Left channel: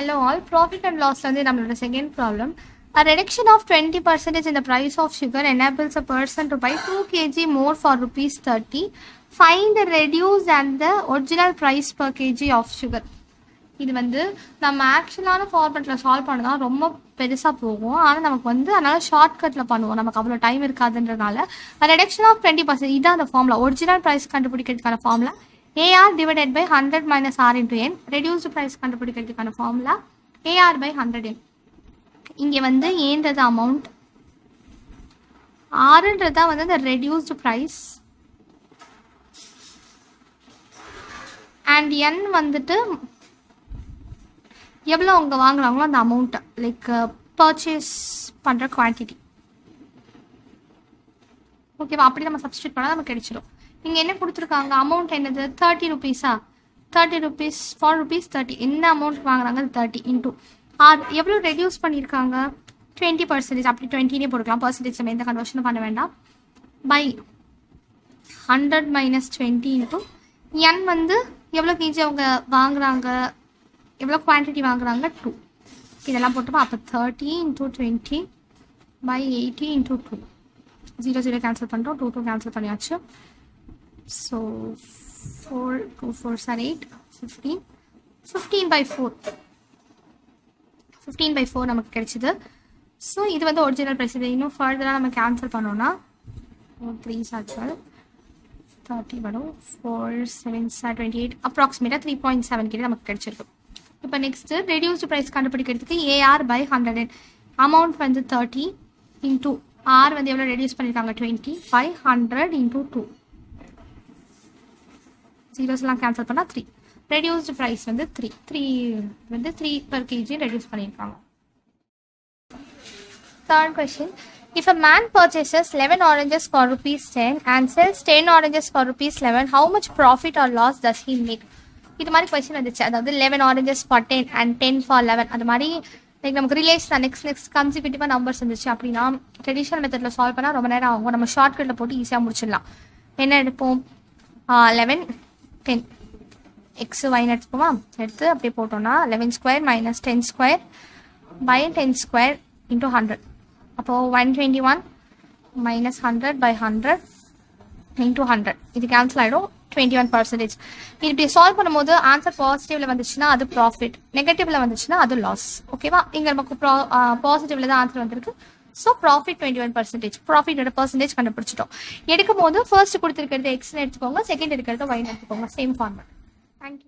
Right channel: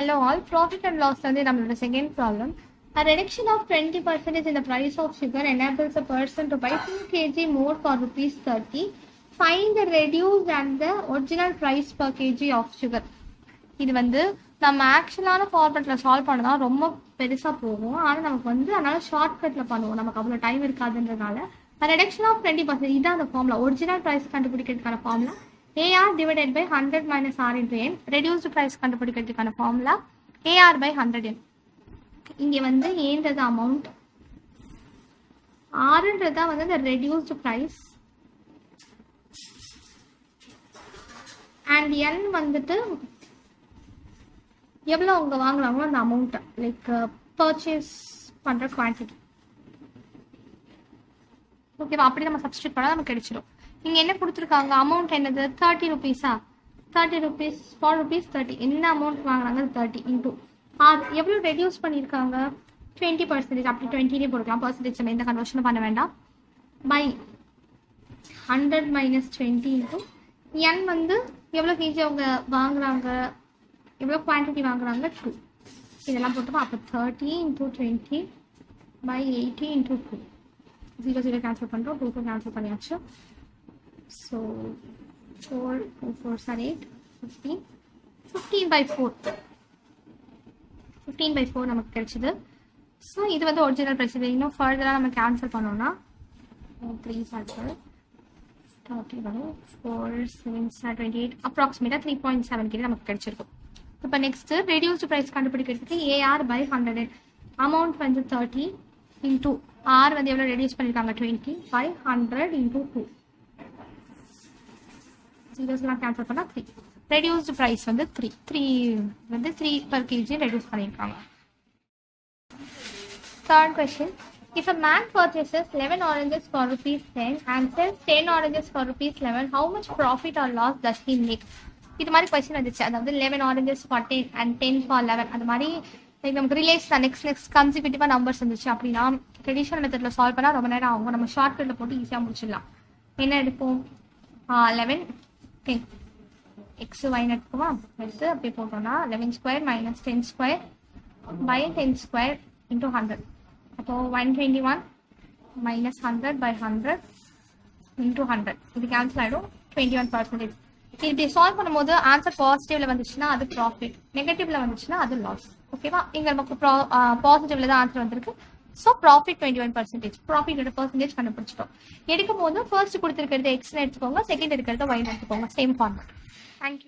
Hello all, profit and loss வந்து நம்மளோட second problem. A reduction of 20% in the price of sugar enables a person to buy 2 kg more for rupees 30. Find the reduced and the original price per kg of sugar. இது வந்து நம்ம ஆக்சுவலான ஃபார்மேட்டில் solve பண்ணதான் ரொம்ப பெருசாக போகும். ஆனால் நமக்கு வந்து அதனால் ஷார்ட்கட்டில் பண்ணுவோம், நமக்கு அவ்வளோ டைம் இருக்காதுன்றனால. ரிடக்ஷன் ஆஃப் 20% இதான் அந்த ஃபார்முலா. ஒரிஜினல் ப்ரைஸ் கண்டுபிடிக்கிறதுக்கான formula AR divided by 100 minus R into N. Reduced price கண்டுபிடிக்கிறதுக்கான ஃபார்முலா AR by 100N. இங்கே வந்து ஏன்றது அமௌண்ட், ஆறுன்றதா வந்து அந்த ரெடியூஸ்டு ப்ரைஸ், அண்ட் N வந்துட்டு எவ்வளோ அவங்க வாங்குறாங்களோ அந்த அமௌண்ட்டை, லைக் பர்ச்சேஸ் பண்ணுற குவான்டிட்டி. ஓகேவா? அப்படி நம்ம சப்ஸ்டியூட் பண்ணால் நமக்கு கிடைச்சிடும். இங்கே என்ன கொடுத்துருக்காங்க, அமௌண்ட் என்னது 30 rupees. 30 rupees for rupees 30. என்ன அமௌண்ட் வாங்குறாங்க 30 இன்டூ ஆர் எவ்வளோ ரெடியூஸ் பண்ணியிருக்காங்க 20%. அப்படி 20 போட்டுக்கலாம், பர்சன்டேஜ் நம்ம எந்த கன்வர்ஷனும் பண்ண வேண்டாம். பை 100 minus 20 இன்டூ N வந்து எவ்வளோ கேஜி அவங்க வாங்குறாங்க, எவ்வளோ குவான்டிட்டி வாங்குறாங்க 2. இதெல்லாம் போட்டுப்போம். அப்போ 30 into 20 by 80 into 2. 0 0 கேன்சல் பண்ணுறோம், 2 2 கேன்சல் பண்ணியாச்சு. So 4 2 4s are 8, 15 15 by 4 15 by 4 நமக்கு கிடைச்சிது. ஸோ இது வந்து ஒரிஜினல் ப்ரைஸ். இது இன்னும் ஃபர்தராக நம்ம கேன்சல் பண்ணோன்னா 3s are 12, 30 வரும், 4 7s are 28, அப்ராக்சிமேட்டாக 3.7 கிலோ நமக்கு கிடைச்சிருக்கு. இப்போ நெக்ஸ்ட்டு ரெடியூஸ்டு ப்ரைஸ் கண்டுபிடிக்கிறதுக்கு AR by 100. அமௌண்ட் வந்து 30 இன்டூ ஆர் வந்து எவ்வளோ ரெடியூஸ் பண்ணியிருக்காங்க 20 by 100 into 2. ஜீரோஸ்லாம் கேன்சல் பண்ணால் 3. ரெடியூஸ்டு ப்ரைஸ் வந்து 3 வந்து 3 per kg ரெடியூஸ் பண்ணியிருக்காங்க. Third question. If a man purchases 11 oranges for rupees 10 and sells 10 oranges for rupees 11, how much profit or loss does he make? இது மாதிரி question வந்துச்சு. அதாவது 11 oranges for 10 and 10 for 11. அது மாதிரி நமக்கு ரிலேஷன் நெக்ஸ்ட் கன்சிக்யூட்டிவாக நம்பர்ஸ் இருந்துச்சு அப்படின்னா ட்ரெடிஷனல் மெத்தடில் சால்வ் பண்ணால் ரொம்ப நேரம் ஆகும். நம்ம ஷார்ட்கட்டில் போட்டு ஈஸியாக முடிச்சிடலாம். என்ன எடுப்போம், 11 10 எக்ஸ் ஒய்னு எடுத்துப்போமா, எடுத்து அப்படியே போட்டோம்னா 11 square minus 10 square by 10 square into 100. அப்போது 121 minus 100 by 100 into 100. இது கேன்சல் ஆகிடும், 21%. இது இப்படி சால்வ் பண்ணும்போது ஆன்சர் பாசிட்டிவ்ல வந்துச்சுன்னா அது ப்ராஃபிட், நெகட்டிவ்ல வந்துச்சுன்னா அது லாஸ். ஓகேவா? இங்கே நமக்கு பாசிட்டிவ்ல தான் ஆன்சர் வந்திருக்கு. So profit 21%. ப்ராஃபிட்டோட பர்சன்டேஜ் கண்டுபிடிச்சிட்டோம். எடுக்கும் போது ஃபர்ஸ்ட் கொடுத்துருக்கிறது எக்ஸ்னு எடுத்துக்கோங்க, செகண்ட் எடுக்கிறது ஒய்னு எடுத்துக்கோங்க. Same format. தேங்க்யூ.